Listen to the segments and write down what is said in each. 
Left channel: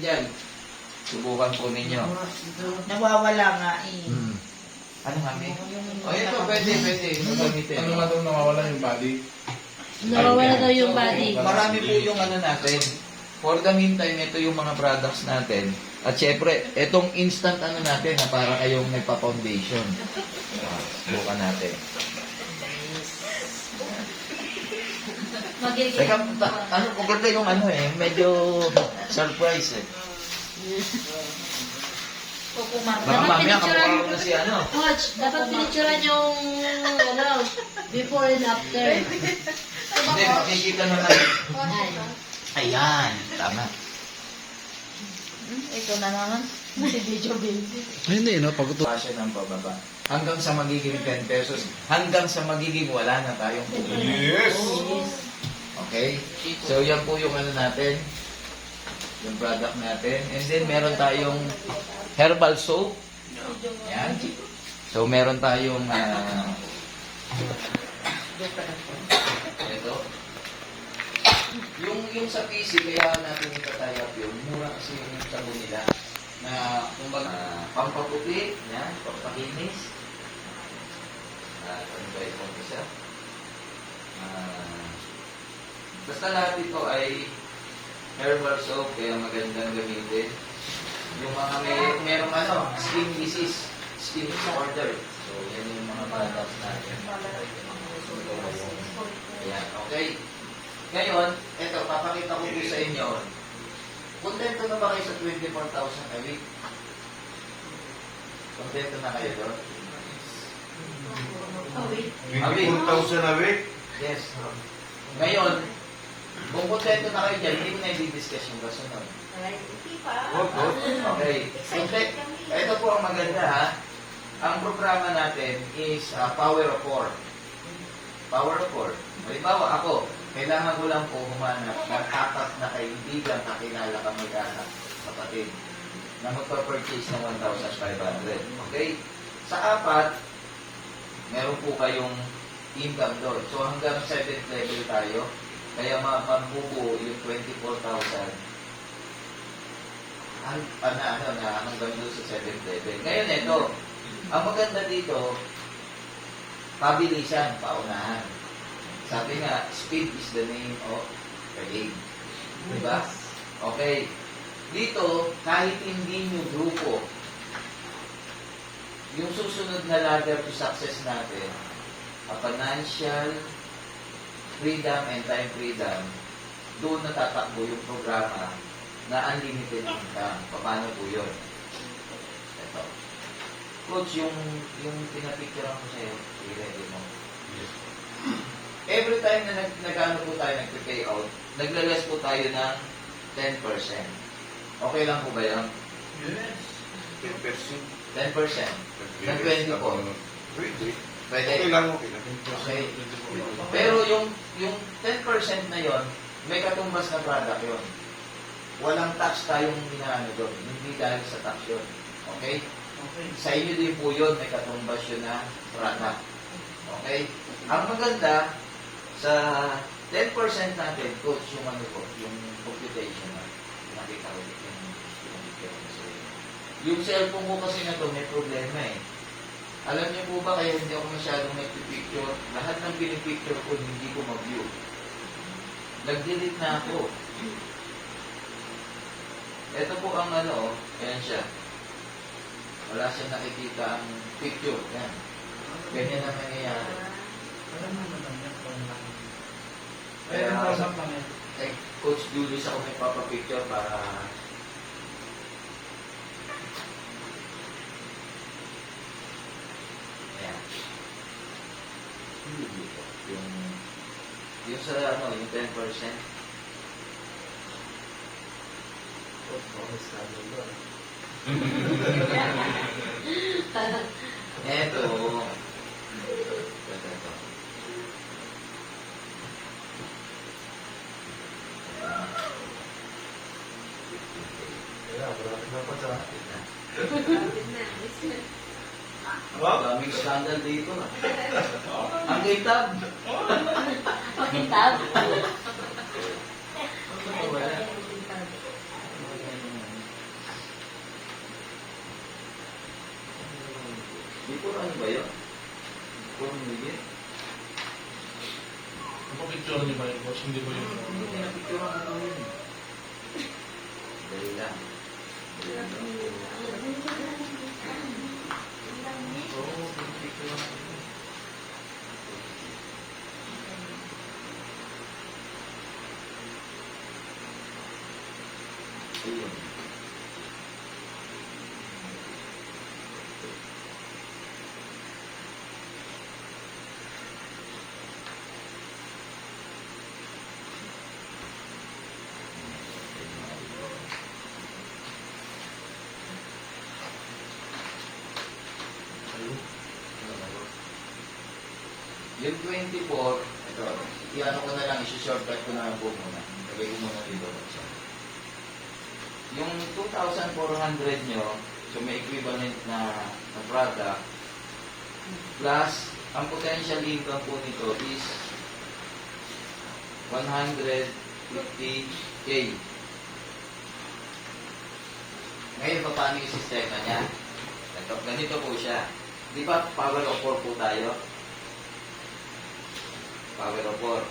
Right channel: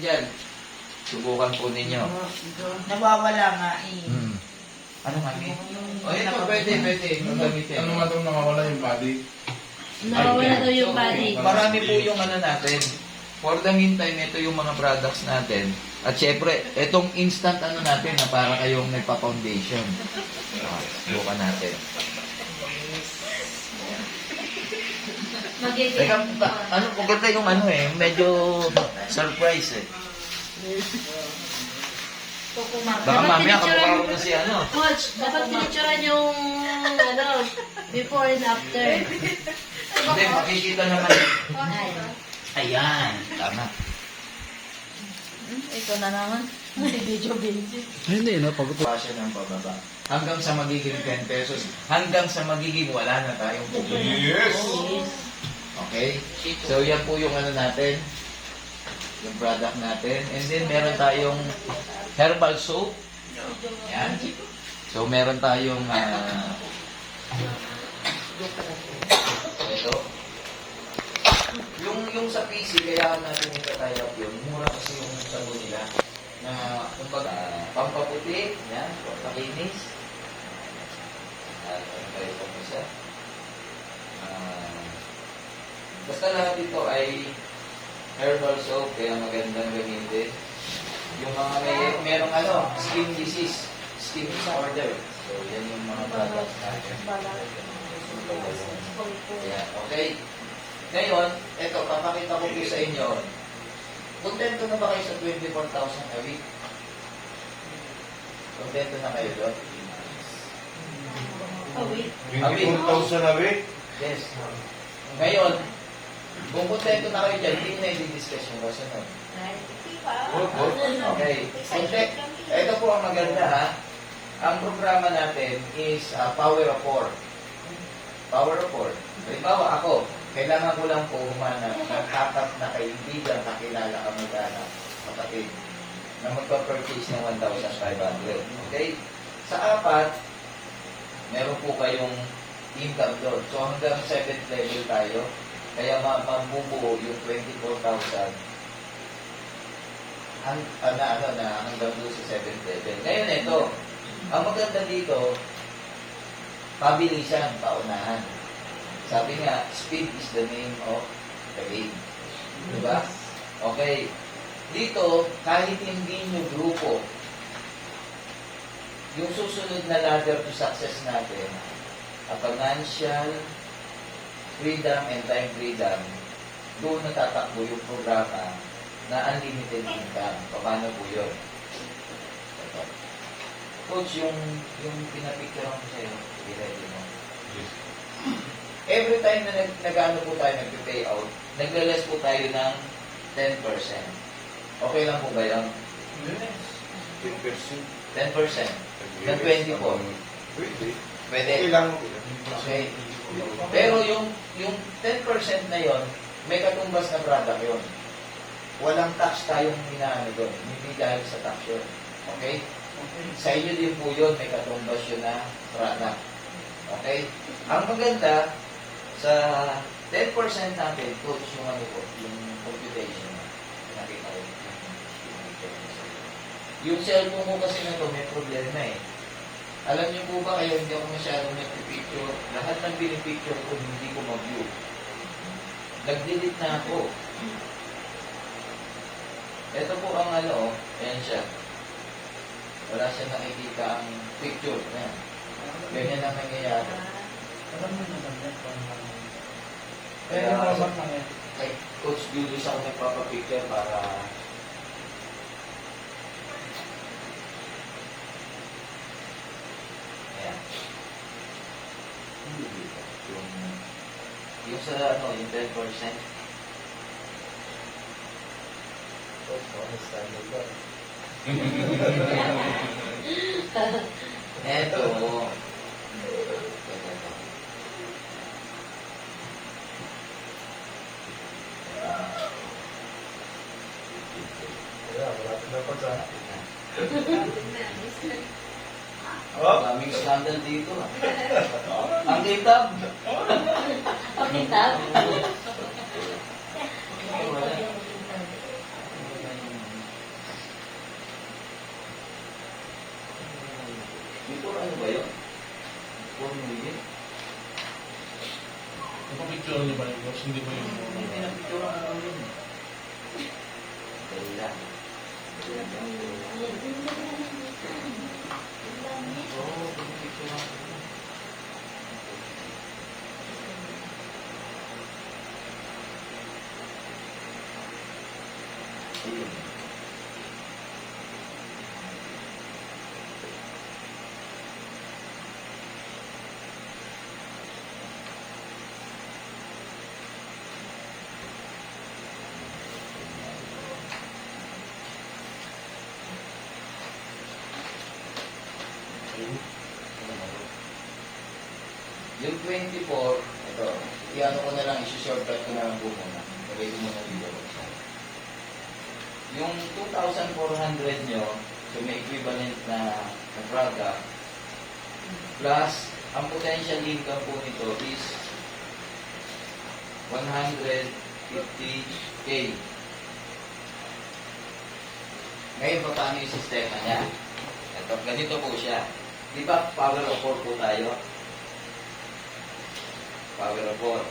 dyan. Subukan po ninyo. Nawawala nga eh. Ano kami? O ito, pwede. Gagamitin. Ano nga daw nakawala yung body? Nawawala daw yung So, body. marami po yung ano natin. For the meantime, ito yung mga products natin. At syempre, itong instant ano natin na para kayong nagpa-foundation. Subukan natin. Magiging. Teka, ano, maganda yung ano eh, medyo surprise eh. Baka mamaya kamukha ko na si ano. Coach, dapat pinicturean yung ano, before and after. Hindi, makikita naman. Ay. Ayan, tama. Ito na naman. Si Dijo Binti. Hindi, no? Pag Pasya ng pababa. Hanggang sa magiging 10 pesos, hanggang sa magiging wala na tayong pupunta. Yes! Okay? So, yan po yung ano natin, yung product natin. And then, meron tayong herbal soap. Yan. So, meron tayong ito. Yung sa PC, kaya natin itatayap yun. Mura kasi yung sabon nila. Na, kumbaga, pampaputi, yan, pampakinis. Pampakinis po siya. Basta lahat ito ay herbal soap, kaya magandang gamitin. Yung mga merong ano, skin disease, skin disorder. So, yan yung mga products natin. Yan, okay. Ngayon, eto, papakita ko po sa inyo. Kontento na ba kayo sa 24,000 a week? Kontento na kayo doon? A week? 24,000 a week? Yes. Ngayon, kung kontento na kayo dyan, hindi ko na i-discuss yung kasunod. Okay. Ito po ang maganda ha. Ang programa natin is Power of 4. Power of 4. Halimbawa ako, kailangan ko lang po humanap ng tapat na kaibigan, kakilala ka mag-anak, kapatid, na magpa-purchase ng 1,500. Okay? Sa apat, meron po kayong income doon. So hanggang 7th level tayo, kaya mabubuo yung 24,000 hanggang doon sa 7th level. Ngayon ito, ang maganda dito, pabilisan, paunahan. Sabi nga, speed is the name of the game. Diba? Okay. Dito, kahit hindi nyo grupo, yung susunod na ladder to success natin, financial freedom and time freedom, doon natatakbo yung programa na unlimited income. Paano po yun? Ito. Coach, yung pinapicturean ko sa'yo, i-ready mo. Every time na nag-ano po tayo, nag-pay out, nagla-less po tayo ng 10%. Okay lang po ba yun? 10%. Ng 20 po. Pwede. Okay lang. Okay. Pero yung 10% na yon, may katumbas na product yon. Walang tax tayong minaano doon. Hindi dahil sa tax yun. Okay? Sa inyo din po yun, may katumbas yun na product. Okay? Ang maganda, sa 10% natin, coach, yung ano po, yung computation. Nakita ko yung cellphone ko kasi na ito, may problema eh. Alam niyo po ba, kaya hindi ako masyadong nagpipicture. Lahat ng pinipicture ko, hindi ko mag-view. Nag-delete na ako. Ito po ang ano, ayan siya. Wala siyang nakikita ang picture. Ayan. Ganyan ang nangyayari. Kaya, kay Coach Julius ako nagpapapicture para yung sa ano, yung 10%. Eto. Daming scandal dito. Ang kitab. Okay, tab. Wala. 4 ano ba yun? 4 million. Napapicture niyo ba yung boss? Hindi ba yung... Hindi, pinapicturean ko lang yun. Dali lang. Oo, pinapicturean ko lang. Ayun. Yung 24, ito, i-ano ko na lang, isi-shortcut ko na lang po muna. Lagay ko muna dito. Yung 2,400 nyo, so may equivalent na product, plus, ang potential income po nito is 150K. Ngayon, paano yung sistema niya? Ito, ganito po siya. Di ba power of 4 po tayo? Power of 4.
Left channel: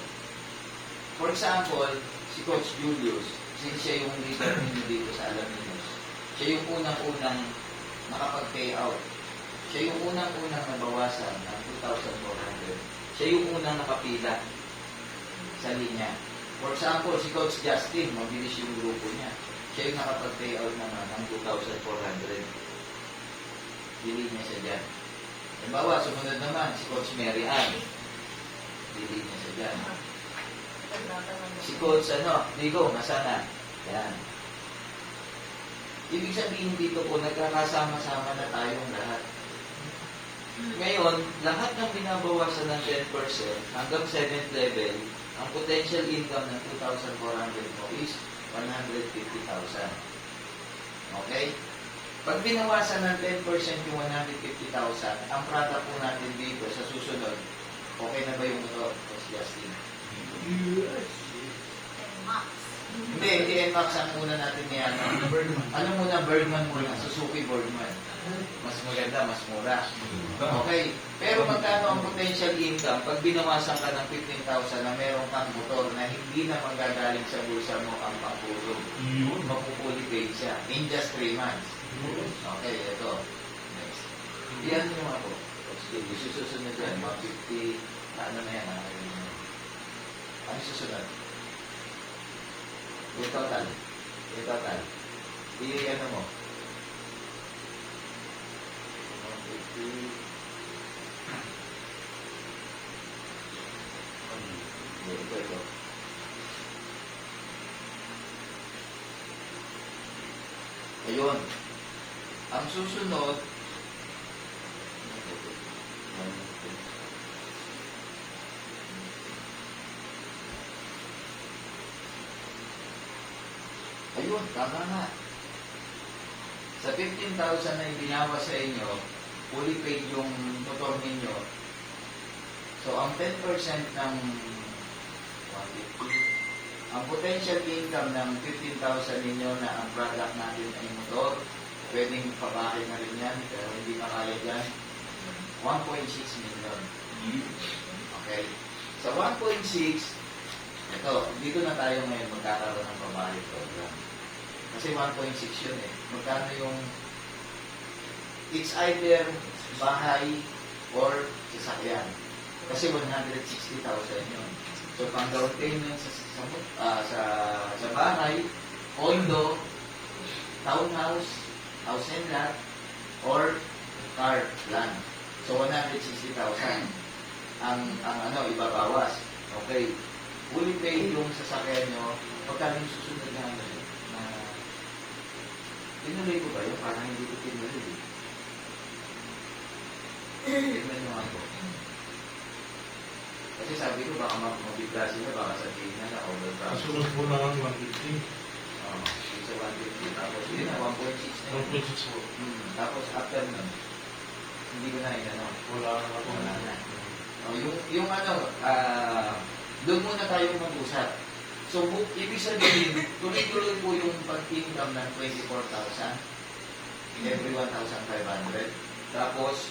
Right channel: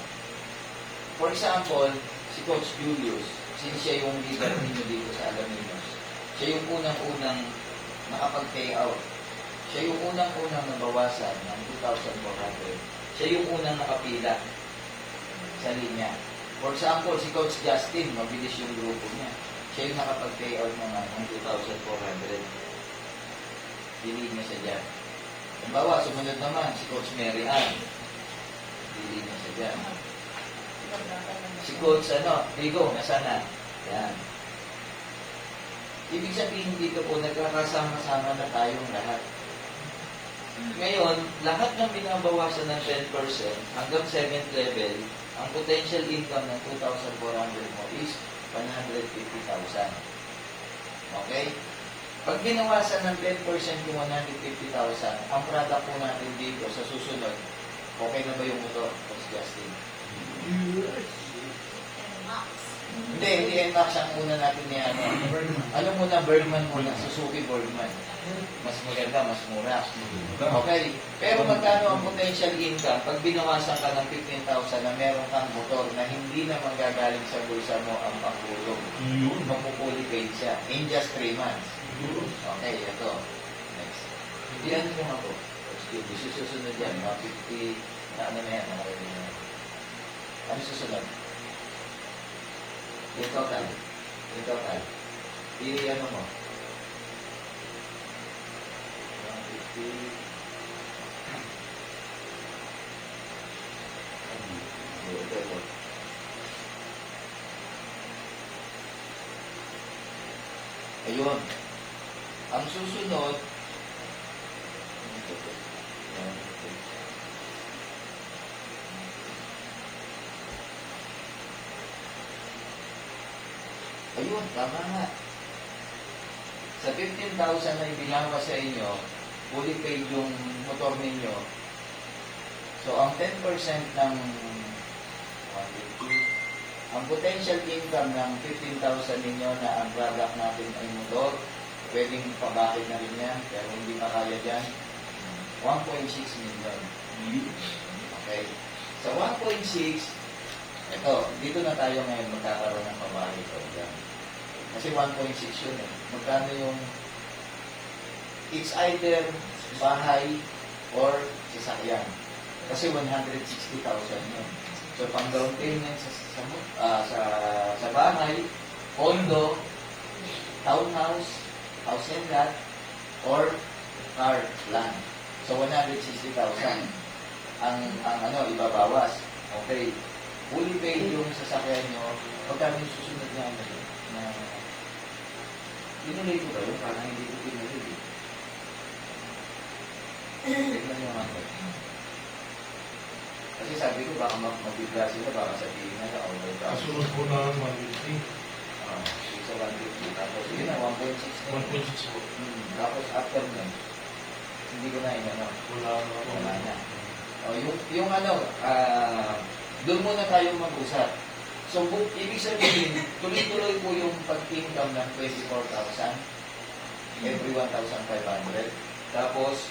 For example, si Coach Julius, since siya yung leader ninyo dito sa Alaminos, siya yung unang-unang nakapag-pay out. Siya yung unang-unang nabawasan ng 2,400. Siya yung unang nakapila sa linya. For example, si Coach Justin, mabilis yung grupo niya. Siya yung nakapag-pay out ng 2,400. Hilig na siya dyan. Halimbawa, sumunod naman, si Coach Mary Ann. Hilig na siya dyan. Si Coach, Digo, masana. Yan. Ibig sabihin dito po, nagkakasama-sama na tayong lahat. Ngayon, lahat ng binabawasan ng 10% hanggang 7th level, ang potential income ng 2,400 mo is 150,000. Okay? Pag binawasan ng 10% yung 150,000, ang product po natin dito sa susunod, okay na ba yung motor? Coach Justin? Hindi, NMAX ang muna natin ni ano muna, Bergman muna, Suzuki Bergman. Mas maganda, mas mura. Okay. Pero magkano ang potential income pag binawasan ka ng 15,000 na meron kang motor na hindi na magagaling sa bulsa mo ang pangkulong. Mapupuli paid siya in just 3 months. Okay, ito. Next. Iyan mo ako. Susunod yan, mga 50, ano na yan, ano susunod? Yung total. Yung total. I-ano mo? 150. Ayun. Ang susunod, ayun, tama nga. Sa 15,000 na ibinawa sa inyo, fully paid yung motor ninyo. So, ang 10% ng 150, ang potential income ng 15,000 ninyo na ang product natin ay motor, pwedeng pabakit na rin yan, pero hindi pa kaya dyan, 1.6 million. Okay? Sa 1.6, ito, dito na tayo ngayon magkakaroon ng pabakit ko dyan. Kasi 1.6 yun eh. Magkano yung it's either bahay or sasakyan. Kasi 160,000 yun. So, pang down payment sa bahay, condo, townhouse, house and lot, or car, land. So, 160,000 ang ibabawas. Okay. Fully paid yung sasakyan nyo, pagkano yung susunod na tinuloy ko ba yun? Parang hindi ko tinuloy. Tignan nyo ako. Kasi sabi ko, baka mabigla sila, baka sabihin na order ka. Kasunod po lang 150. Sa 150. Tapos, yun na, 1.6. 1.6 po. Tapos, after nun, hindi ko na inano. Wala na po. Wala na. Doon muna tayong mag-usap. So, ibig sabihin, tuloy-tuloy po yung pag-income ng 24,000 every 1,500. Tapos,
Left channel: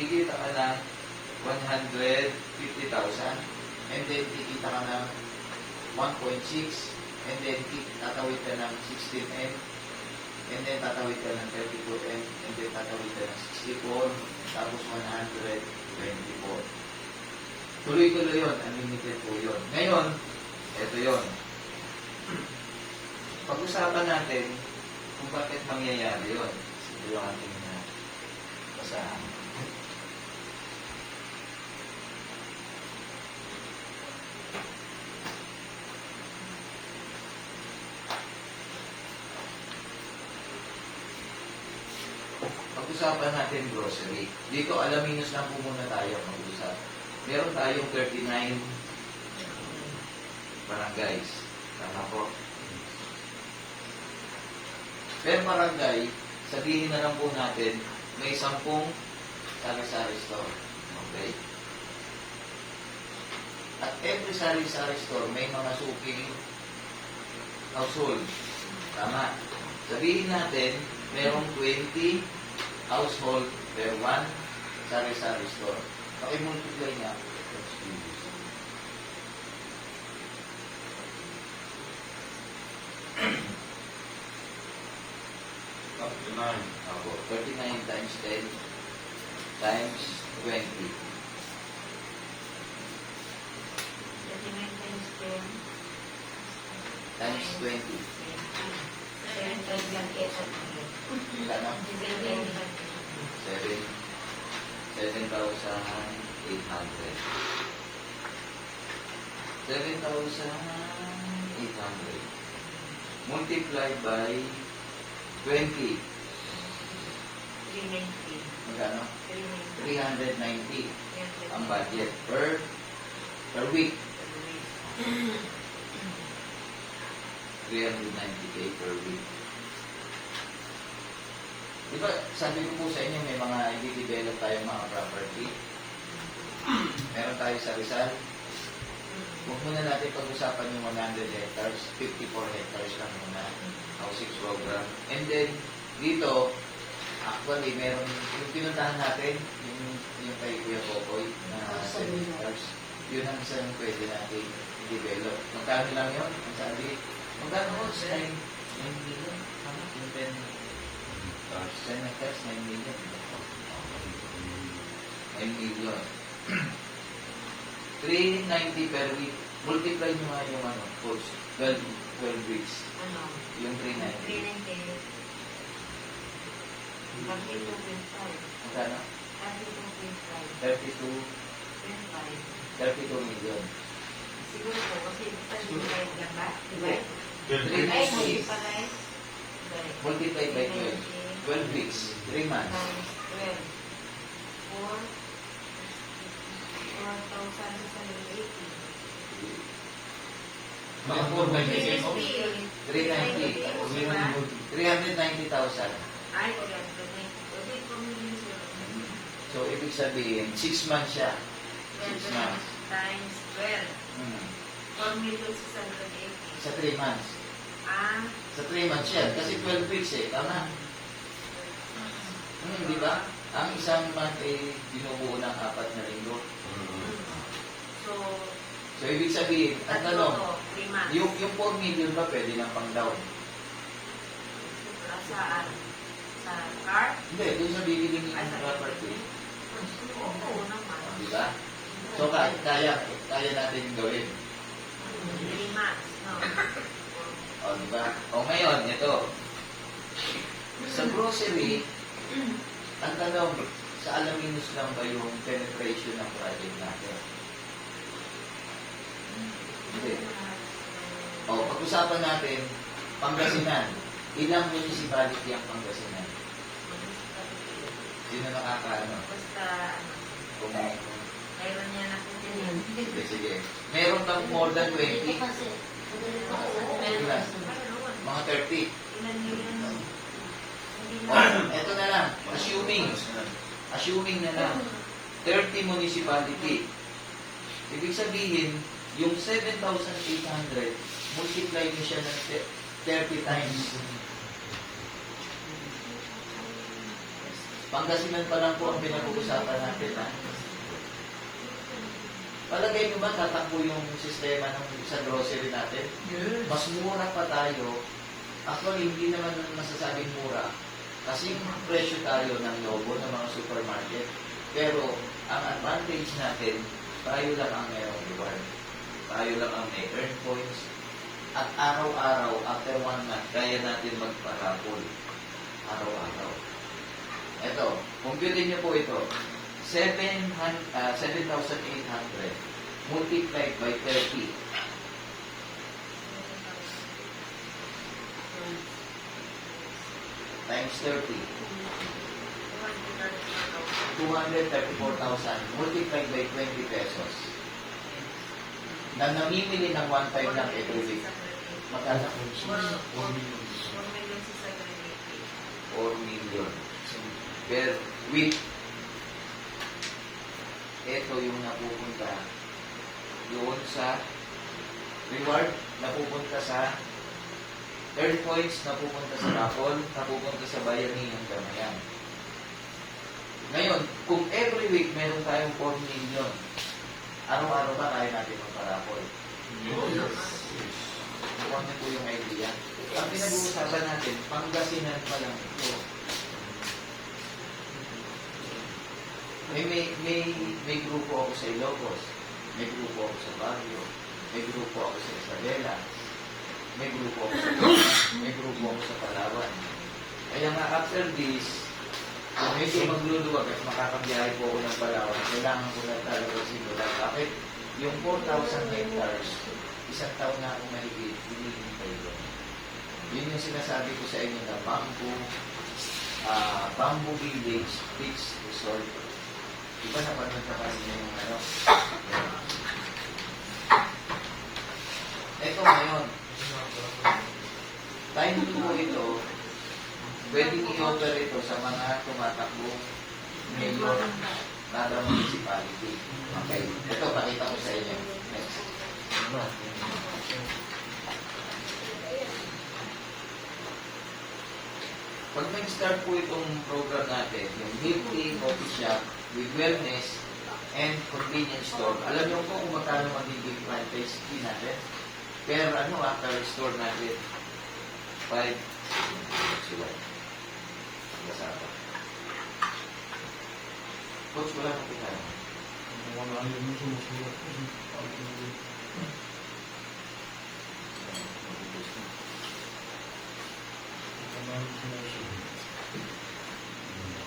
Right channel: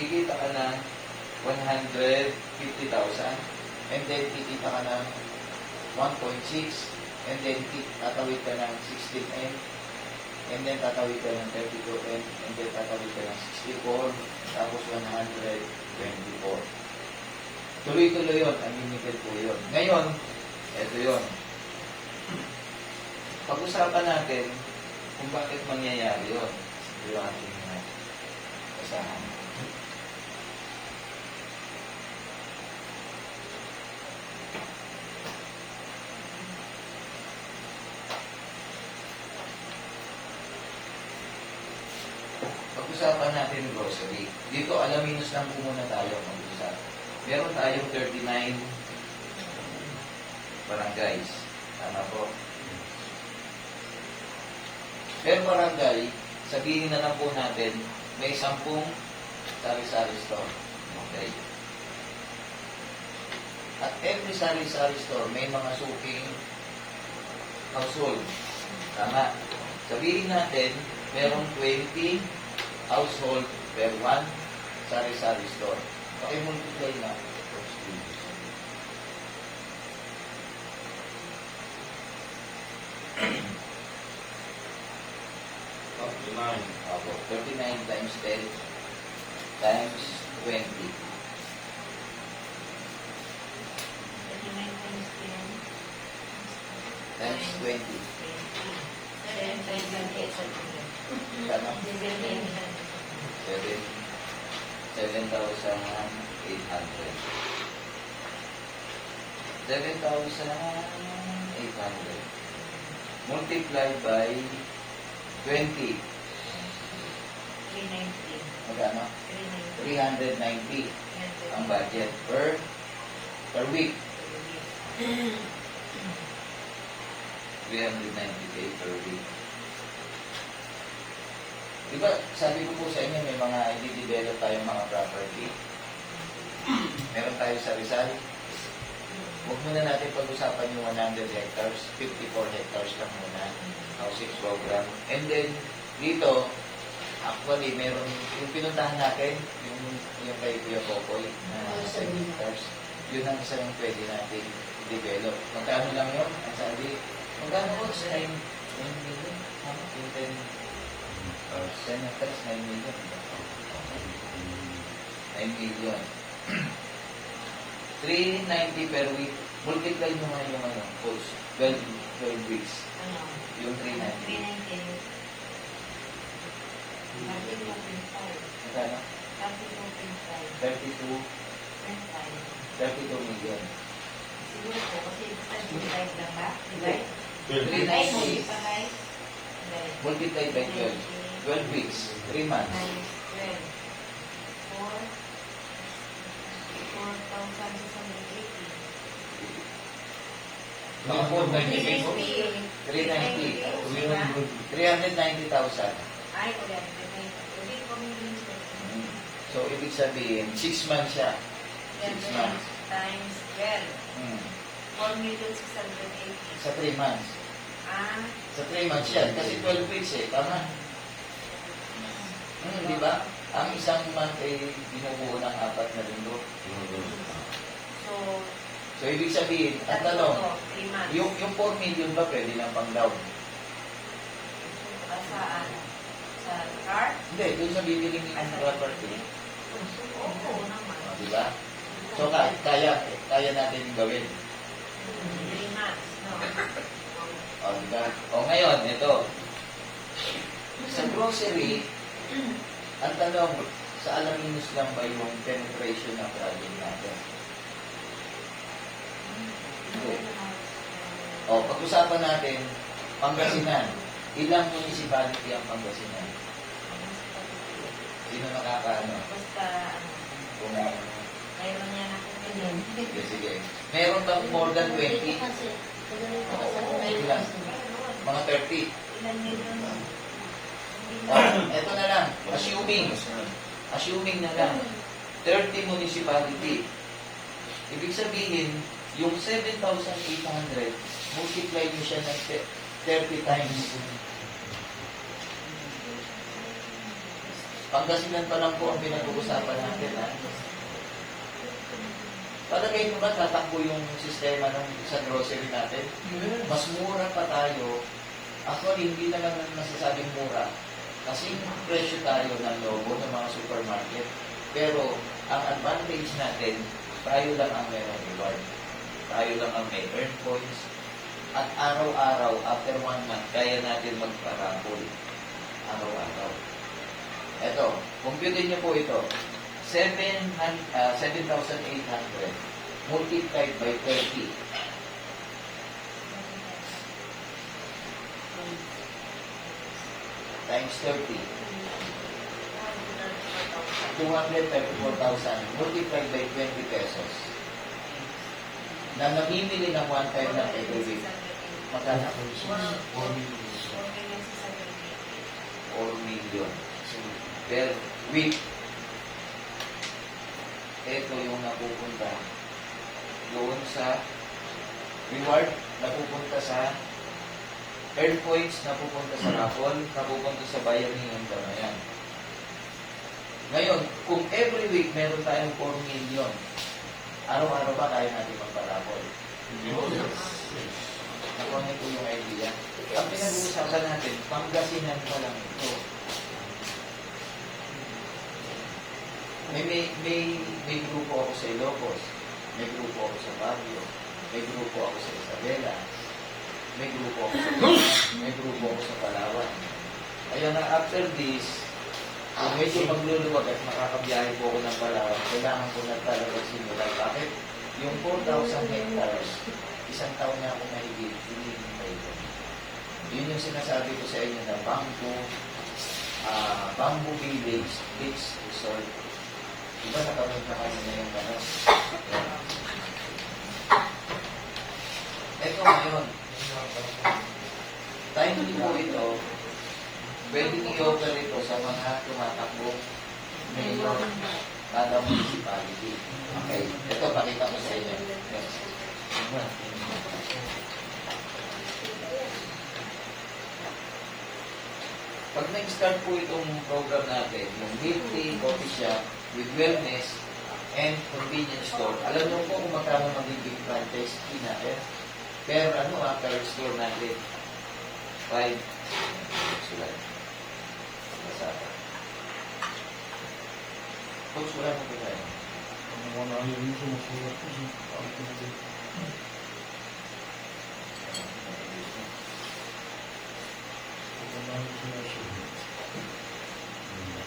kikita ka ng 150,000 and then kikita ka ng 1.6 and then tatawid ka ng 16M and then tatawid ka ng 32M and then tatawid ka ng 64 tapos 124. Tuloy-tuloy yun, unlimited po yun. Ngayon, ito yun. Pag-usapan natin kung bakit mangyayari yun. Ito yung ating basahan. Pag-usapan natin grocery. Dito, alaminos lang po muna tayo mag-usap. Meron tayong 39 barangays. Tama po. Per barangay, sabihin na lang po natin, may 10 sari-sari store. Okay? At every sari-sari store, may mga suking household. Tama. Sabihin natin, merong 20 household per 1 sari-sari store. Paki-multiply na. Oh, 39 times 10 times 20. Times 20. Kano? 7,800. 7,800. Multiplied by 20. Magkano? 390 ang budget per week. 390k per week. Diba, sabi ko po sa inyo, may mga i-develop tayong mga property. Meron tayo sa Rizal. Huwag muna natin pag-usapan yung 100 hectares, 54 hectares lang muna. Housing program. And then, dito, actually, meron, yung pinuntahan natin, yung kay Kuya Popoy, na 7 hectares, yun ang isang pwede natin i-develop. Magkano lang yun? Ang sabi, magkano ko sa 9 million? Yung 10 hectares, 9 million. 9 million. 390 per week. Multiply nyo nga yung coach. 12 weeks. Yung 390. Magkano? 32 million. Siguro po, kasi basta divide lang ba? Divide? 390 multiplied by 12. 12 weeks. 3 months. Minus 12. 4,680. Mga 490. 390. 390,000. Ay, wala na. Ulit po So, ibig sabihin, 6 months siya. 6 months. times 12. 4,680. Sa 3 months. Sa 3 months yan. Kasi 12 weeks eh. Tama. Di ba? Ang isang month ay binubuo ng 4 na linggo. So, ibig sabihin, ang tanong, 3 months. yung 4 million ba pwede ng pang down? Saan? Sa car? Hindi, doon sa bibili ni ang property. Oo naman. Di ba? So, kaya natin yung gawin. 3 months, no? O, di ba? O, ngayon, ito. Sa grocery, ang tanong, sa alaminos lang ba yung penetration ng project natin? Hindi. O, pag-usapan natin, Pangasinan. Ilang municipality ang Pangasinan? Sino nakakaano? Basta, Kung, mayroon niya nakukunin. sige. Meron bang more than 20? Ilan? Mga 30. Ilan nila? Eto na lang. Assuming na lang. 30 municipality. Ibig sabihin, yung 7,800, multiply mo siya ng 30 times. Pangasinan pa lang po ang pinag-uusapan natin, ha? Palagay mo ba tatakbo yung sistema ng sa grocery natin? Mas mura pa tayo. Actually, hindi naman masasabing mura. Kasi presyo tayo ng logo ng mga supermarket. Pero, ang advantage natin, tayo lang ang mayroong reward. Tayo lang ang may earn points. At araw-araw, after 1 month, kaya natin magparapol. Araw-araw. Ito, computin niyo po ito. 7,800 multiplied by 30. Times 30. 234,000 multiplied by 20 pesos. Na namimili ng one time lang every week. Magkano? 4 million. 4 million per week. Ito yung napupunta doon sa reward, napupunta sa earn points, napupunta sa raffle, napupunta sa bayani ng damayan. Ngayon, kung every week meron tayong 4 million, araw-araw ba tayo natin magpa-raffle? Nakuha nito yung idea. Ang pinag-uusapan natin, Pangasinan pa lang ito. May grupo ako sa Ilocos, may grupo ako sa Baguio, may grupo ako sa Isabela, may grupo ako sa may grupo ako sa Palawan. Ayun nga, after this, kung medyo magluluwag at makakabiyahe po ako ng Palawan, kailangan ko na talaga simulan. Bakit? Yung 4,000 hectares, isang taon na ako mahigit, hinihintay ko. Yun yung sinasabi ko sa inyo na bamboo village, fixed resort. Diba napanood na kami na yung ano? Ito ngayon, time po ito, pwedeng i-offer ito sa mga tumatakbong mayor kada municipality. Okay, ito pakita ko sa inyo. Next. Pag nag-start po itong program natin, yung weekly coffee shop with wellness and convenience store, alam niyo po kung magkano magiging franchise fee natin? Per after store natin, 5 sila. Coach, wala mo pinaya. Wala yun yung sumusulat.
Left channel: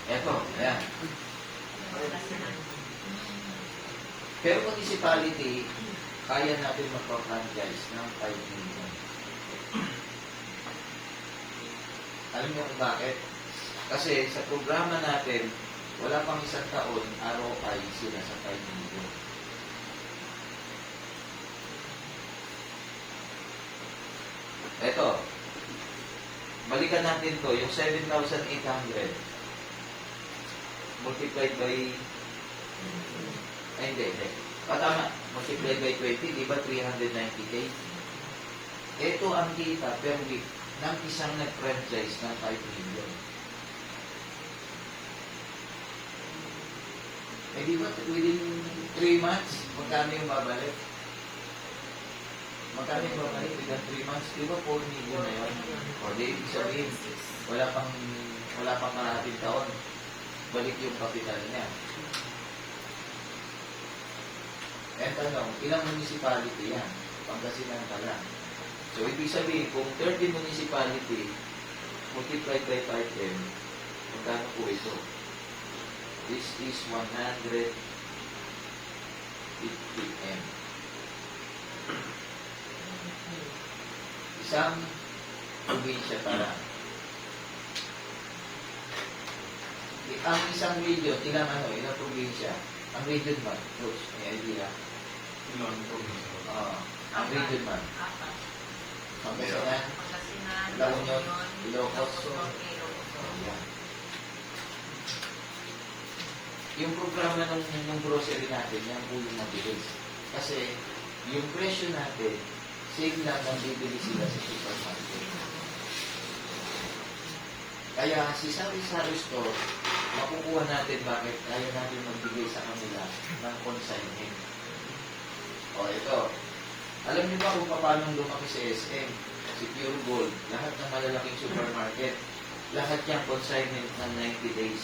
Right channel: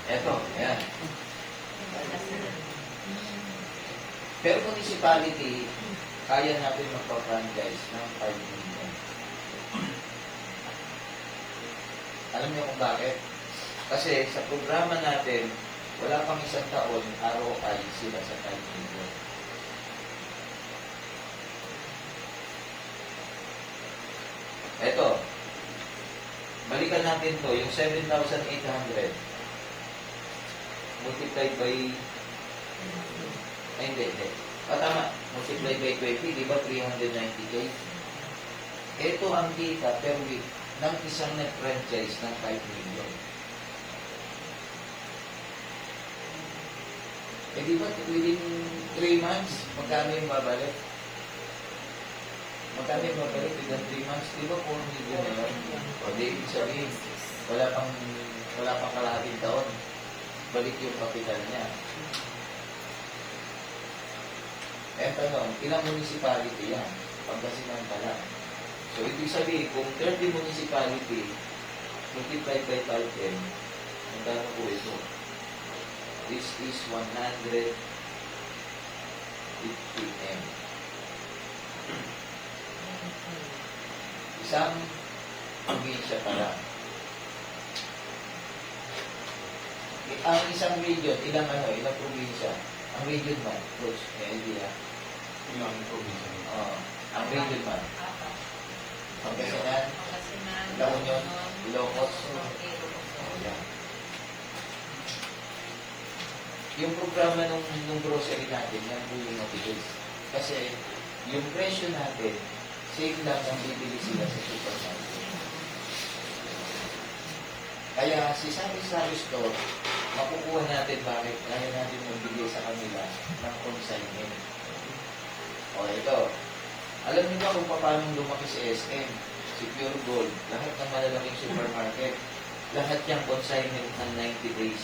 Eto, yan. Pero municipality, kaya natin magpa-franchise ng 5 million. Alam niyo kung bakit? Kasi sa programa natin, wala pang isang taon, ROI sila sa 5 million. Eto, balikan natin to, yung 7,800 multiplied by hindi. Tama, multiplied by 20, di ba 390K? Ito ang kita per week ng isang nag-franchise ng 5 million. Eh di ba within 3 months, magkano yung babalik? Magkano yung babalik within 3 months? Di ba 4 million na yun? O di, ibig sabihin, wala pang kalahating taon. Balik yung kapital niya. Eh, tanong, ilang municipality yan? Pangasinan pala. So, ibig sabihin, kung 30 municipality, multiplied by 5M, magkano po ito? This is 150M. Isang probinsya pala. Ang isang region, ilang probinsya? Ang region man, Coach, may idea. Ilang probinsya? Ang region man. Pangasinan, La Union, Ilocos. Ayan. Yung programa ng grocery natin, yan po yung mabilis. Kasi yung presyo natin, same lang ang bibili sila sa supermarket. Kaya si Sari-Sari Store, makukuha natin bakit kaya natin magbigay sa kanila ng consignment. O ito, alam niyo ba kung paano lumaki si SM, si Pure Gold, lahat ng malalaking supermarket, lahat yung consignment ng 90 days.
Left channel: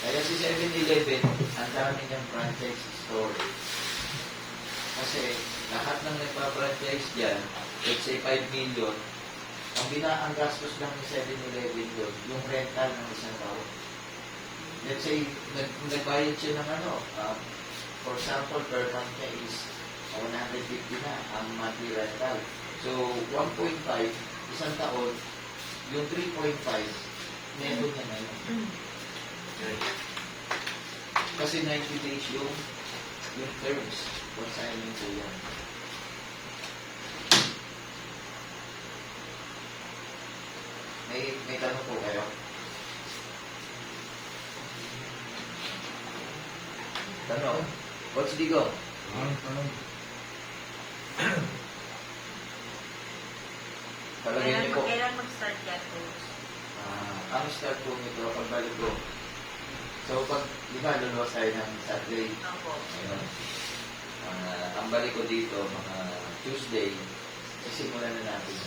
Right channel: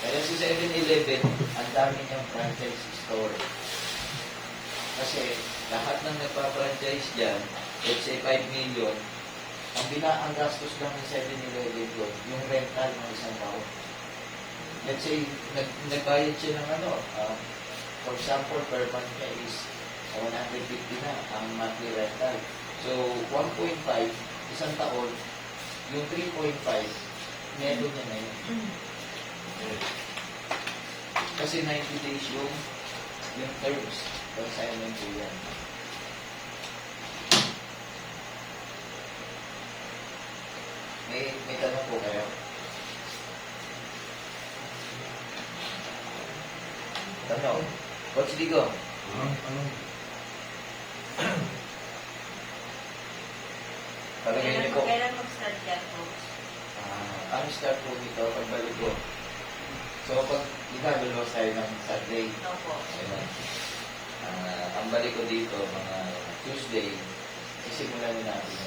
Kaya si 7-Eleven, ang dami niyang franchise store. Kasi lahat ng nagpa-franchise dyan, let's say 5 million, ang gastos lang ng 7-Eleven doon, yung rental ng isang tao. Let's say, nagbayad siya ng for example, per month niya is 150 na ang monthly rental. So, 1.5, isang taon, yung 3.5, meron niya na yun. Kasi 90 days yung terms, consignment ko yan. May tanong po kayo? Tanong. Coach Digo. Palagay niyo po. Kailan mag-start yan po? Ang start po nito, pagbalik ko. So, pag, di ba, lulos tayo ng Saturday. Opo. Ayun. Ang balik ko dito, mga Tuesday, isimulan na natin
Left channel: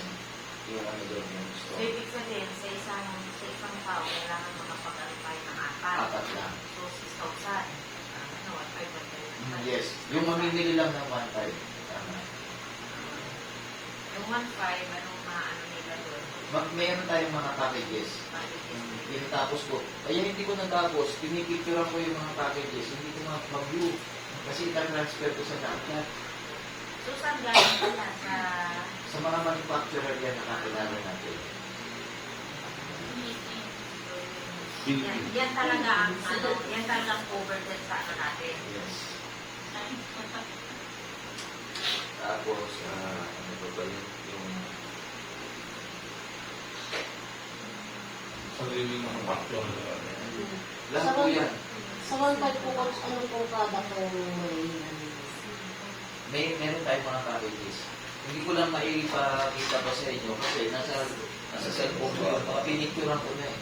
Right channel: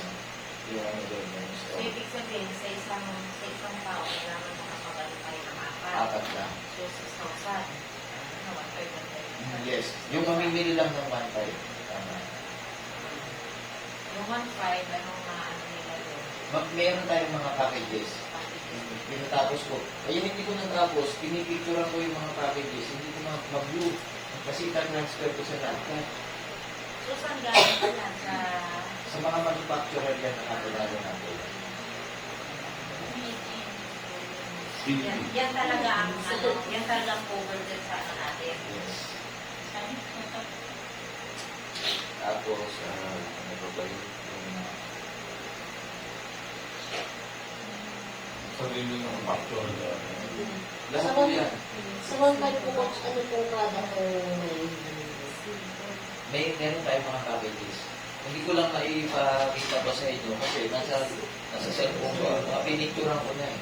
yung ano doon yung So, store. ibig sabihin, sa isang tao, kailangan makapagal tayo ng apat. Apat lang. So, 6,000. Ano, 1,500. Yes. Yung mamimili lang ng 1.5. Tama. Yung 1,500, ano na ano nila doon? Meron tayong mga packages. Pinatapos ko. Kaya hindi ko natapos. Pinipicturean ko yung mga packages. Hindi ko mag-view. Kasi transfer ko sa laptop. So, saan galing pala? Sa mga manufacturer yan nakakilala natin. Yan talaga ang yan talaga ang cover din sa atin natin. Yes. Tapos, ano ba ba yung Sarili ng factual. lahat po yan. Sa contact po, Coach, ano po kada po Meron tayong mga packages. Hindi ko lang maipakita pa sa inyo kasi nasa cellphone ko. Pinicturean ko na eh.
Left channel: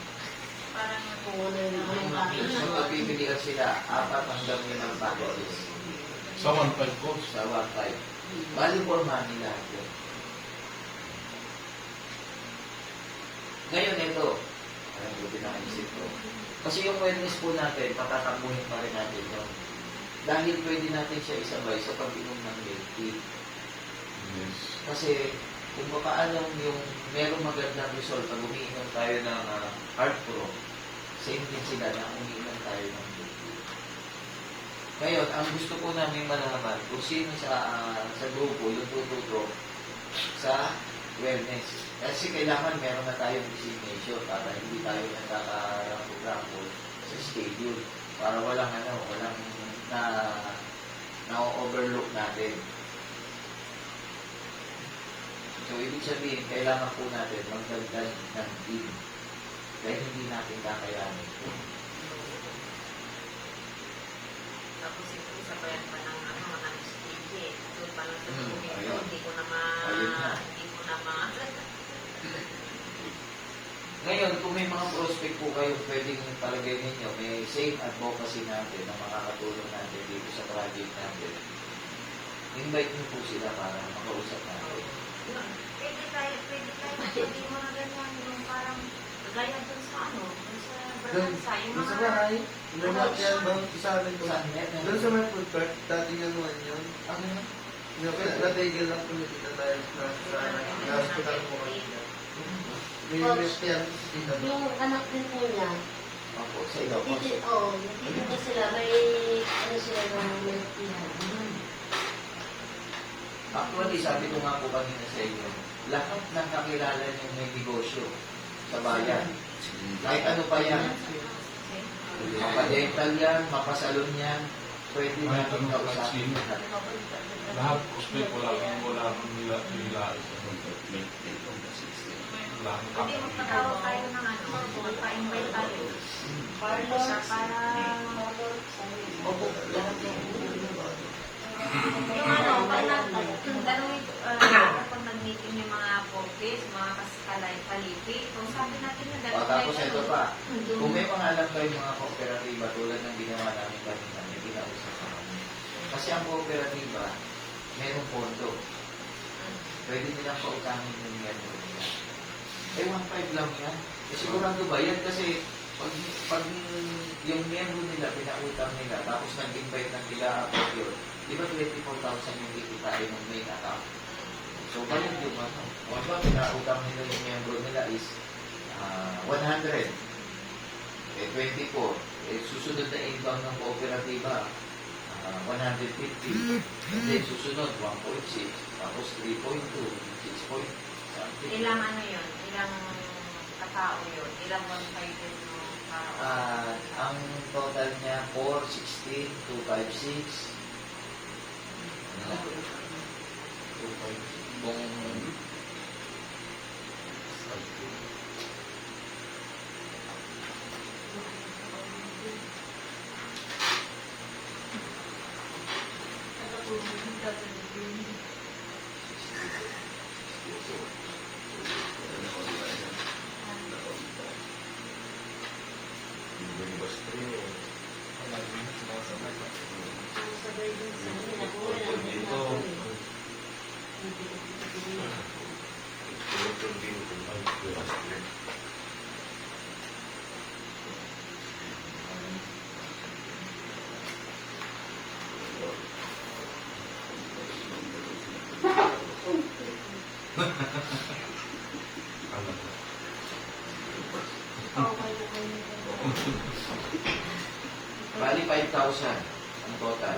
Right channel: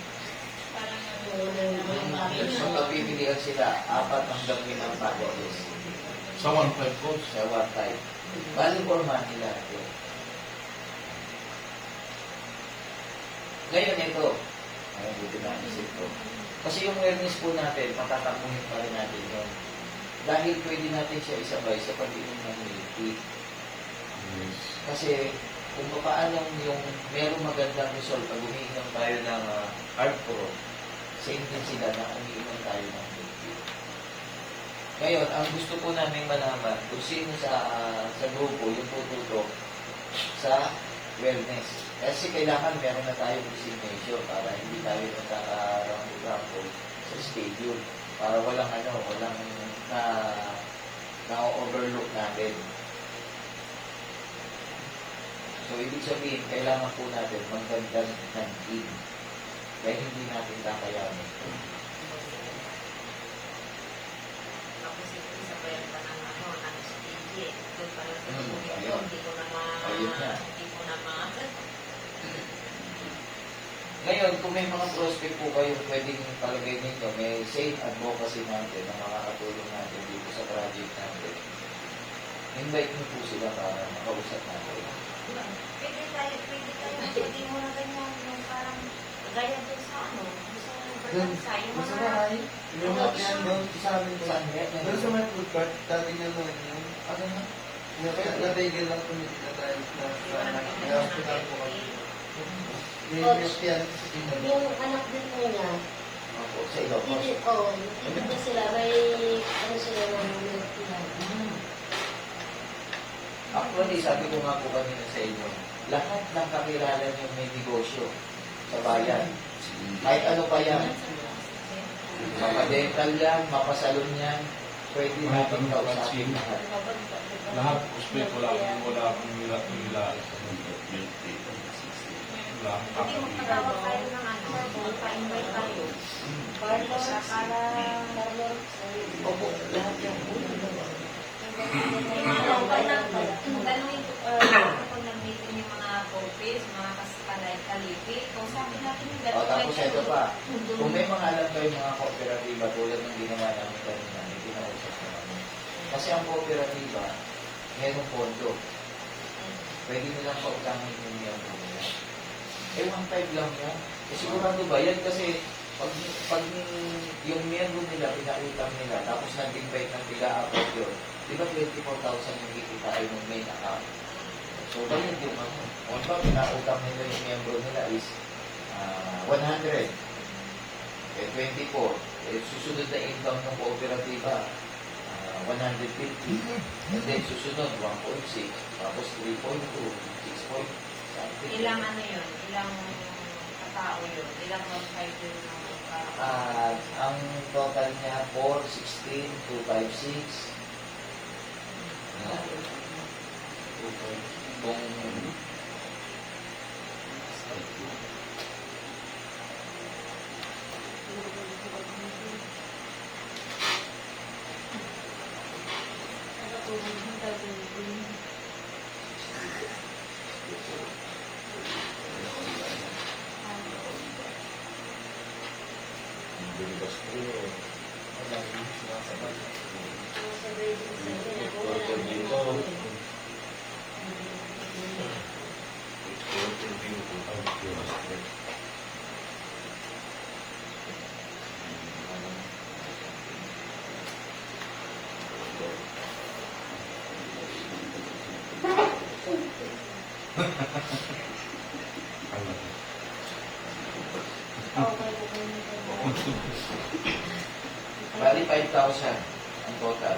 So, pagpipilihan sila, 4 hanggang 5 packages. Sa 1.5 coach. Sa 1.5. Value for money lahat yun. Ngayon ito, ay, buti na ang isip ko. Kasi yung wellness po natin, patatakbuhin pa rin natin yun. Dahil pwede natin siya isabay sa pag-inom ng milk tea. Yes. Kasi kung paano yung merong magandang result pag umiinom tayo ng Hard Pro, same din sila na umiinom tayo ng milk tea. Ngayon, ang gusto po namin malaman kung sino sa grupo yung tututok sa wellness. Kasi kailangan meron na tayong designation para hindi tayo nagkakarampo sa schedule. Para walang na-overlook natin. So, ibig sabihin, kailangan po natin magdagdag ng team. Kaya hindi natin kakayanin. Tapos ito sa pwede pa ng speed. Doon pa rin sa Ayun. hindi ko na Ayun na. hindi ko na Ngayon, kung may mga prospect po kayo pwedeng palagay ninyo, may safe advocacy natin na makakatulong natin dito sa project natin. Invite niyo po sila para makausap natin. Pwede mo na ganyan yung parang gaya dun sa ano, Doon, sa yung sa mga bahay, lumat yan doon sa amin po. Saan yan? Doon sa may food cart, dati nga naman yun. Ano na? Natigil lang tumigil na tayo sa hospital po kami. May yan sa tita mo. yung anak din nila, Opo, sa iba po. hindi ko sila, may ano sila na milk tea. Actually, sabi ko nga po kanina sa inyo, lahat ng kakilala niyo may negosyo sa bayan. Kahit ano pa yan. Mapadental yan, mapasalon yan, pwede Kahit natin anong kausapin vaccine. lahat. Lahat hospital wala akong nila. Wala akong Pwede mo patawag kakabili. tayo ng ano, pa-invite ako. Para Opo, lahat yan. kung nag-meeting yung mga office, mga Palipit. Kung sabi natin yung O, tapos ito pa. Kung may mga alam kayong mga kooperatiba tulad ng ginawa namin kanina, may pinausap na kami. Kasi ang kooperatiba, mayroong pondo. Pwede nilang pautangin yung miyembro nila. Eh, 1.5 lang yan. Eh, sigurado ba? Yan kasi, pag yung miyembro nila, pinautang nila, tapos nag-invite ng pila-apot yun, di ba 24,000 yung ikitain ng main account? So, ganyan yung mga. Kung ba, pinautang nila yung miyembro nila is 100. Eh, 24. Eh, susunod na income ng kooperatiba, 150. And then, susunod, 1.6. Tapos, 3.2, 6. Something. Ilang ano yun? Ilang katao yun? Ilang 1.5 yun? Ang total niya, 4, 16, 256. Kung bali 5,000 ang total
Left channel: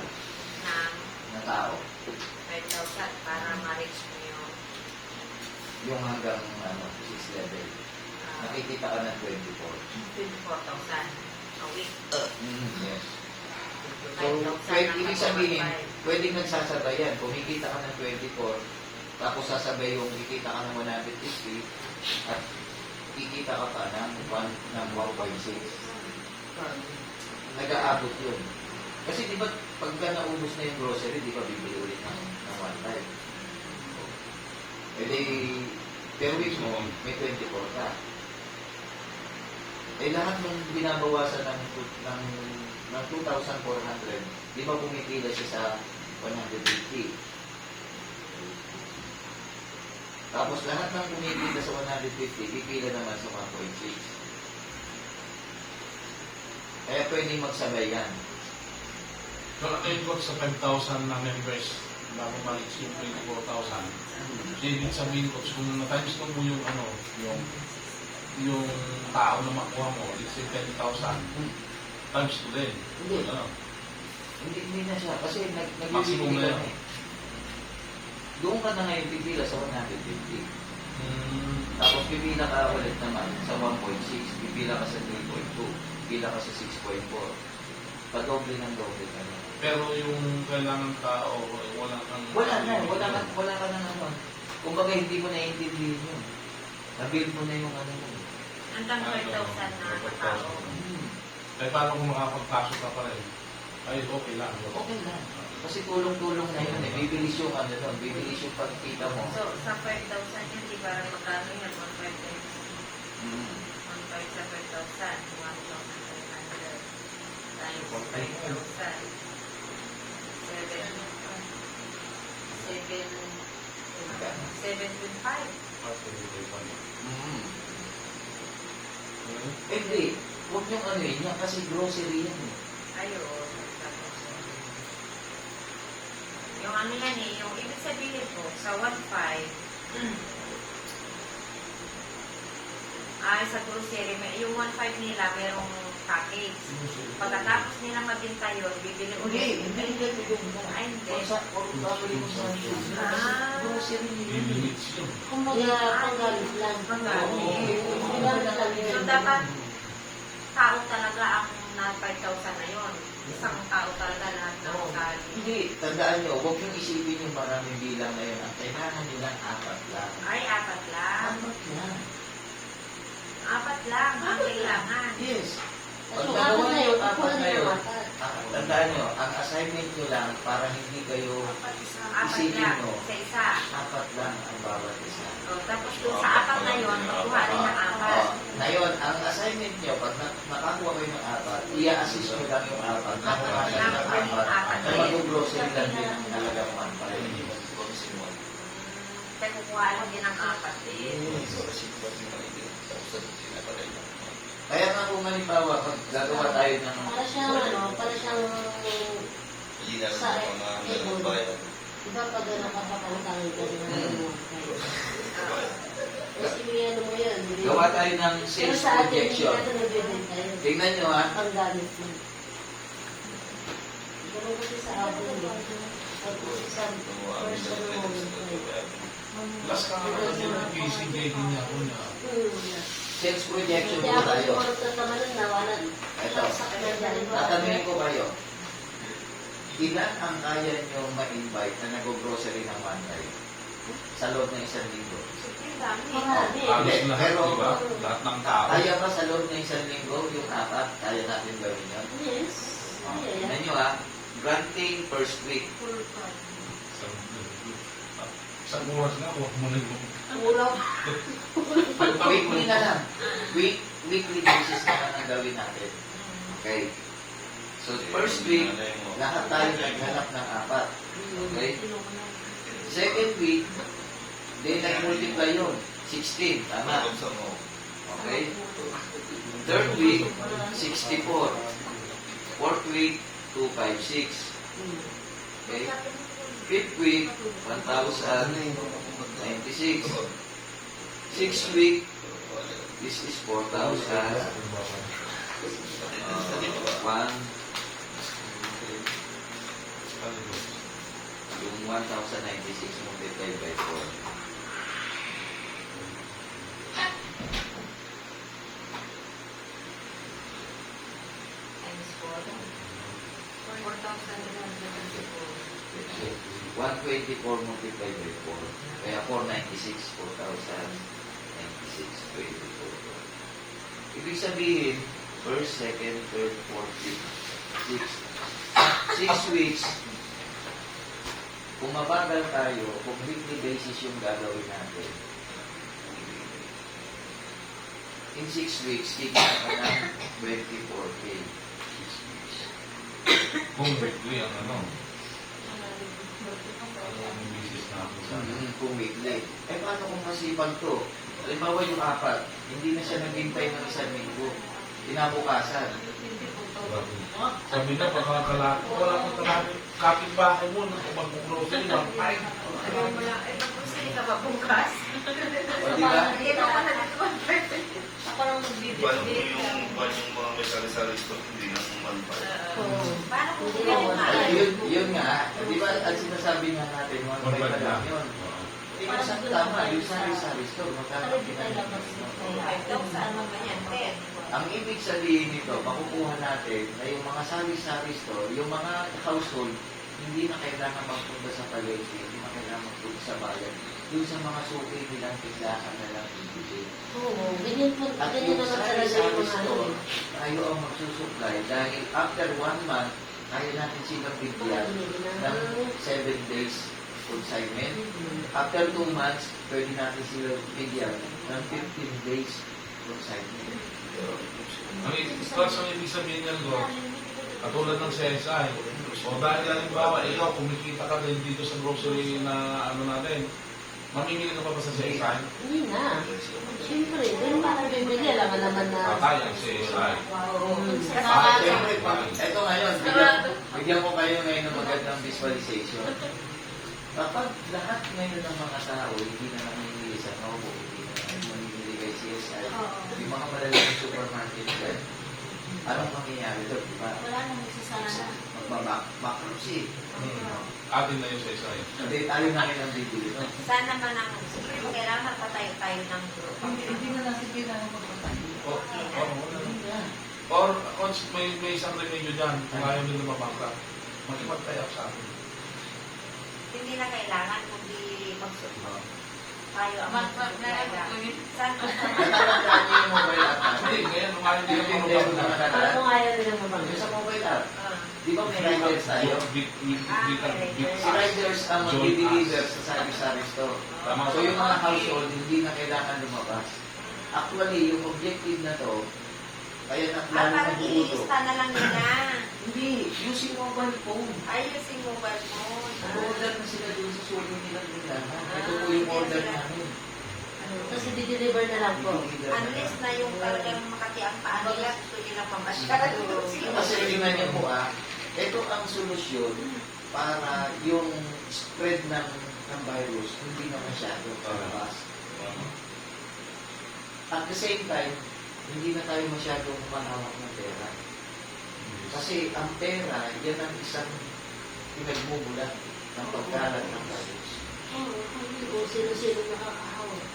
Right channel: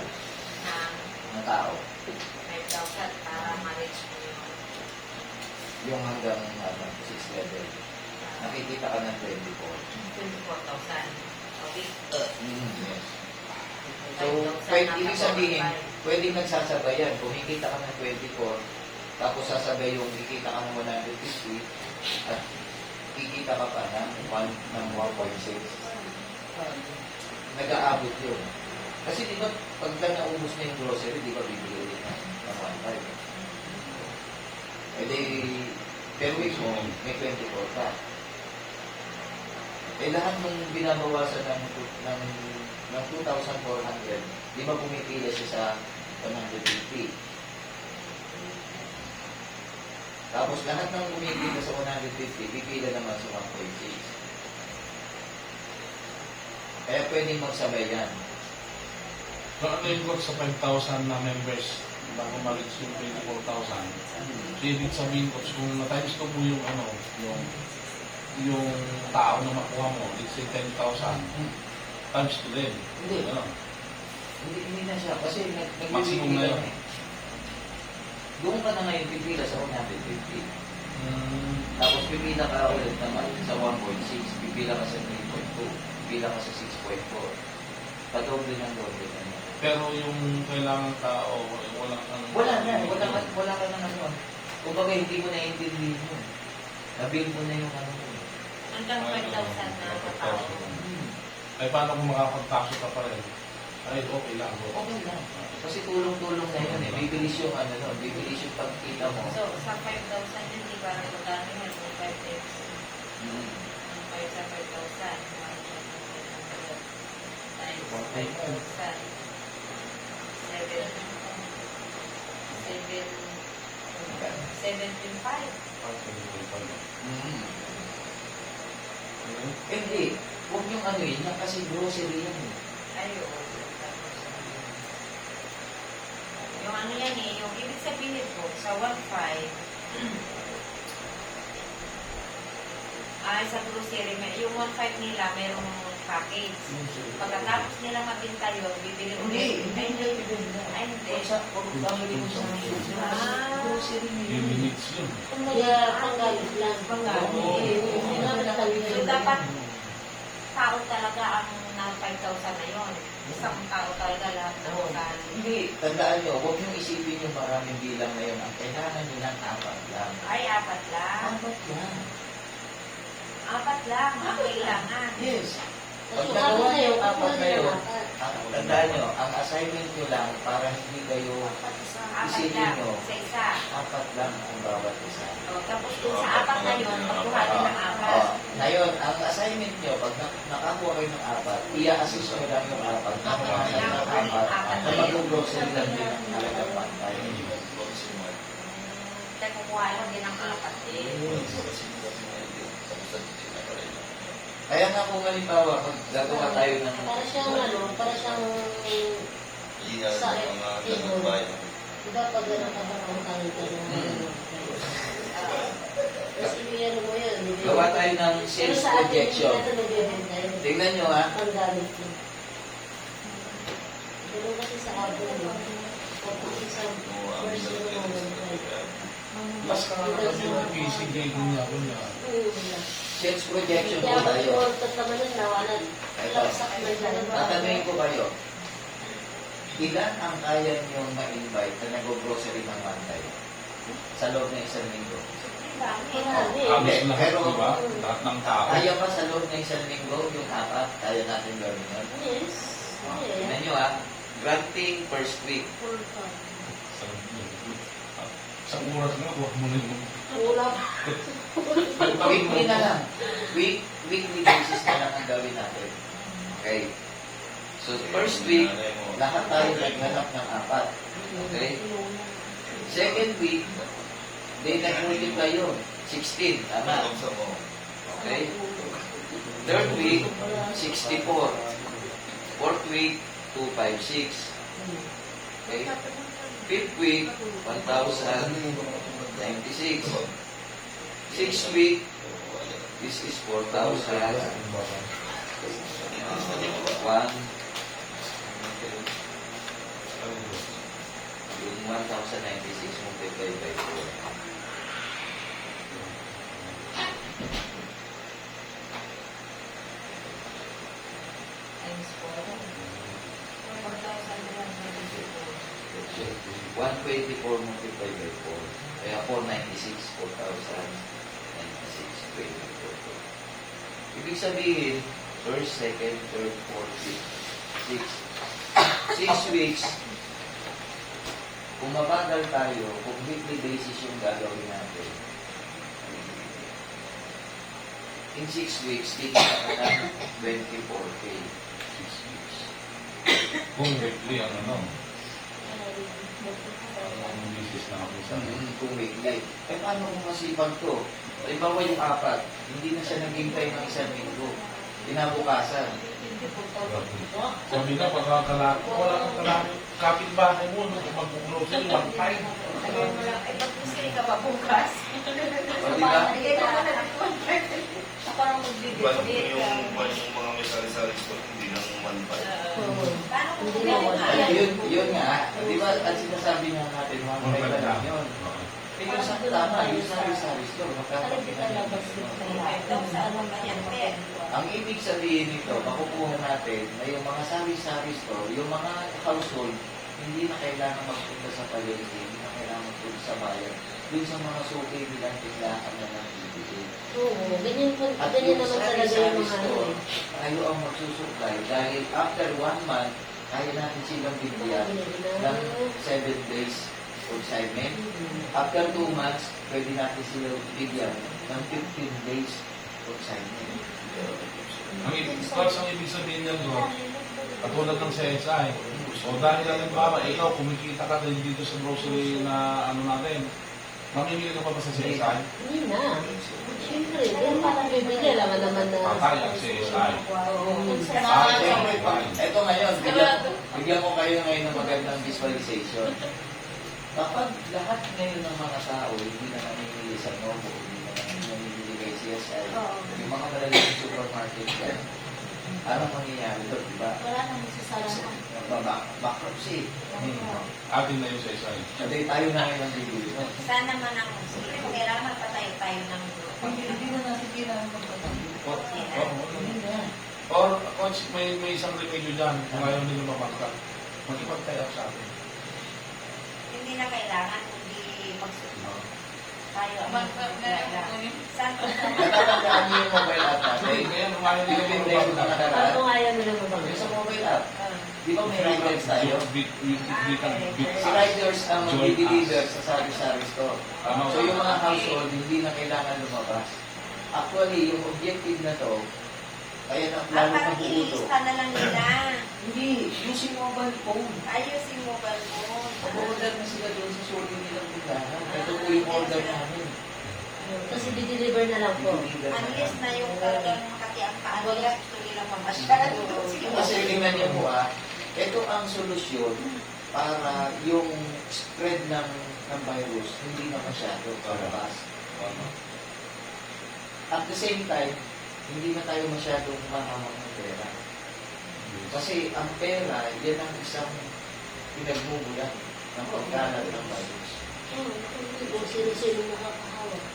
ng tao. 5,000 para ma-reach mo yun. Yung hanggang 6 level. Nakikita ka ng 24. 24,000 a week. Yes. So, ibig sabihin, pwedeng nagsasabay yan. Kung kikita ka ng 24, tapos sasabay yung kikita ka ng 150, at kikita ka pa ng 1.6. Nag-aabot yun. Kasi di ba, pagka naubos na yung grocery, di ba bibili ulit ng 1.5? Eh di, per week mo, may 24 ka. Eh lahat nung binabawasan ng 2,400, di ba pumipila siya sa 150? Tapos lahat ng pumipila sa 150, pipila naman sa 1.6. Kaya pwedeng magsabay yan. So, na-input sa 5,000 na members bago ma-reach yung 24,000. Ibig sabihin ko, kung na-times ko po yung yung tao na makuha mo, let's say 10,000, times 2 din. Hindi. Ano? Hindi na siya. Kasi Maximum na nag-pipila yan. eh. Doon ka na ngayon pipila sa 150. Tapos pipila ka ulit naman sa 1.6. Pipila ka sa 3.2. Pipila ka sa 6.4. Padoble ng doble ka na. Pero yung kailangan tao, wala kang... Wala ka na ano. Kumbaga hindi mo naiintindihan yun. Nabil mo na yung ano yun. Hanggang 5,000 na katao. Ay, paano kung makapagpasok ka pa rin? Ay, okay lang. Okay lang. Kasi tulong-tulong na yun eh. Bibilis yung ano yun. Bibilis yung pagkita mo. So, sa 5,000 hindi para magkano yun? 1.5 sa 5,000. 7.5. Hindi. Huwag yung ano yun. Kasi grocery yan eh. Ayo. Yung ano yan eh, yung ibig sabihin ko, sa 1.5, ay sa grocery, yung 1.5 nila, mayroong package. Pagkatapos nila mabinta yun, bibili ulit. Ay, hindi. Kung sa grocery mo sa grocery Yung yun. limits yun. Kumbaga, panggalit lang. So, dapat tao talaga ang na 5,000 na yun. Isang tao talaga lahat ng ugali. Hindi. Tandaan nyo, huwag yung isipin yung maraming bilang na yun. Ang kailangan nilang 4 lang. Ay, 4 lang. 4 lang. 4 lang ang kailangan. Yes. Pag So, nagawa apat na nyo yun, yung 4 kukuha na yun, nila tandaan nyo, ang assignment nyo lang para hindi kayo 4 isipin lang nyo, sa isa. 4 lang ang bawat isa. So, tapos kung sa 4 na ngayon, makuha rin ng apat. Ngayon, ang assignment nyo, pag nakakuha kayo ng apat, i-assist nyo lang yung apat. Nakuha kayo ng apat, na mag-grocery lang din ang halagang 1.5. Kaya kukuha lang din ng apat. Kaya nga kung halimbawa, pag gagawa tayo ng Para siyang sa dapat na nakapakangkang ka Tapos ano mo yun. gawa tayo ng sales projection. Tingnan nyo ha. Ang gamit mo. Gano'n kasi sa Apple mo. Tapos sa version mo. Last ka nga kasi yung PC grading niya ako niya. Sales projection Kaya po ako tayo. yung ortas naman nun na wala. Ito. Tatanungin ko kayo. Ilan ang kaya nyo ma-invite na nag-grocery ng Monday sa loob ng isang linggo? Halos lahat, di ba? Lahat ng tao. Kaya ba sa loob ng isang linggo, yung apat, kaya natin gawin yun? Yes. Tingnan nyo ha. Granting first week. Sa oras nga, huwag mo na yung... Kulang. Weekly na lang. Weekly basis na lang ang gawin natin. Okay. So, first week, lahat tayo naghanap ng apat. Okay? Second week, then nag-multiply yun. 16, tama. Okay? Third week, 64. Fourth week, 256. Okay? Fifth week, 1,096. Sixth week, this is 4,000. 1, yung 1,096 multiplied by 4. Times 4. 124 multiplied by 4. Kaya 496, 4,096, 24. Ibig sabihin, first, second, third, fourth, fifth, sixth. 6 weeks, kung mabagal tayo, kung weekly basis yung gagawin natin, in 6 weeks, tignan ka ng 24K. 6 weeks. Kung weekly ang ano, ang business na ako sa Kung weekly. Eh, paano kung masipag to? Halimbawa yung apat, hindi na siya naghintay ng isang linggo. Inabukasan. sabi na, pagkakalako, walang kapitbahay mo, mag-grocery, lang tayo. Ito po sila kapabukas. O, di ba? Parang Paano magbibigay. kung yung mga may sari-sari store, hindi lang 1.5? Paano kung Hindi sila naman. Yun nga. Di ba, at sinasabi nga natin, mga may pa lang yun. Tingnan sa tama, yung sari-sari store, magkakapit. Ang ibig sabihin nito, makukuha natin na yung mga sari-sari store, yung mga household, hindi na kailangan magpunta sa palengke, hindi na kailangan magpunta sa bayan. Doon sa mga suki nilang tindahan na lang ibigay. Oo, ganyan po. At Ganyan yung naman talaga sari-sari yung mga store, kayo ang magsusupply dahil after 1 month, kaya natin silang bigyan ng 7 days consignment. After 2 months, pwede natin silang bigyan ng 15 days consignment. Ang ibig sabihin niyan doon, katulad ng CSI, o dahil halimbawa, ikaw kumikita ka din dito sa grocery na ano natin, mamimili ka pa ba sa CSI? Hindi na. Siyempre, doon parang bibigyan lang naman na... Patay ang CSI. Siyempre, ito ngayon, bigyan ko kayo ngayon ng magandang visualization. Kapag lahat ngayon ng mga tao hindi na namimili sa Novo, hindi na namimili kay CSI, yung mga malalaking supermarket dyan, anong mangyayari doon, di ba? Wala nang masasara na. Magbabankruptcy. Atin na yung CSI. Sabi tayo na ngayon ang bibili. No? Sana man ang kailangan patay tayo ng group. Or, coach, may isang remedyo dyan, kung ayaw nila mabangka, makipag-tie up sa atin. Hindi na kailangan, hindi magsusunod. Tayo ang Sana Natatandaan niyo yung mobile app natin. Hindi, kaya nung ayaw nila Yung video na mabangka, nakaraan, Ano nga yan nila yung mabangga? sa mobile app, di ba may riders tayo? Si Tama. riders ang mag-deliver sa sari-sari store. So yung mga household, hindi na kailangan lumabas. lumabas. Actually, yung objective na to, kaya na plano Parang ng buo to. ililista na lang nila. Hindi, using mobile phone. Ayusin mo ba mo? Mag-order na sila doon sa sulit nilang tindahan. Ito po yung order namin. Tapos i-deliver na lang po. Unless na yung talagang makati ang paa nila, gusto nila mamasyal. Kasi tingnan niyo po ito ang solusyon para yung spread ng virus hindi na masyado palabas. At the same time, hindi na tayo masyadong mahawak ng pera. Kasi ang pera, yan ang isang pinagmumulan ng pagkalat ng virus. Kung sino-sino nakakahawak.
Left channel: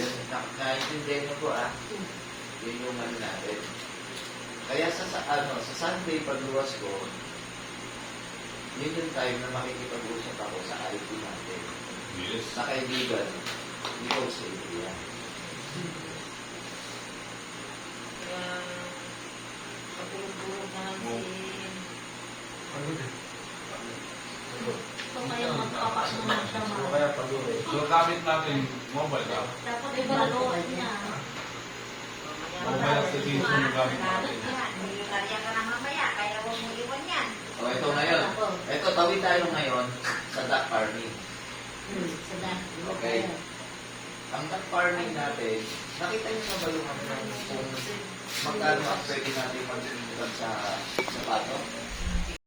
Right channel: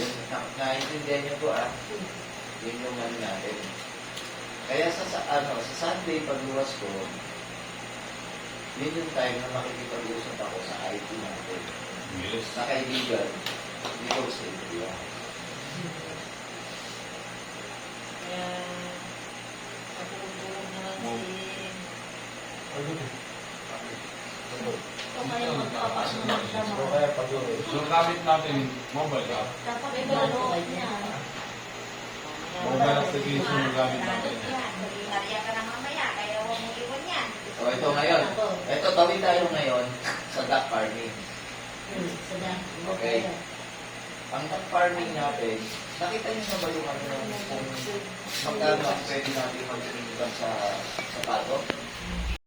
Yan, naintindihan niyo po yun yung ano natin. Kaya sa Sunday pagluwas ko, yun yung time na makikipag-usap ako sa IT natin. Yes. Na kaibigan, dito sa India. Kung kaya magpapasok ng trabaho. So, gamit natin mobile app. Dapat iba na mobile niya. Mobile application yung gamit natin. Hindi kaya ka na mamaya, kaya huwag mo iwan yan. So, ito ngayon. Ito, tawid tayo ngayon sa duck farming. Okay. Ang duck farming natin, nakita niyo na ba yung kung magkano ang pwede natin mag-income sa tao?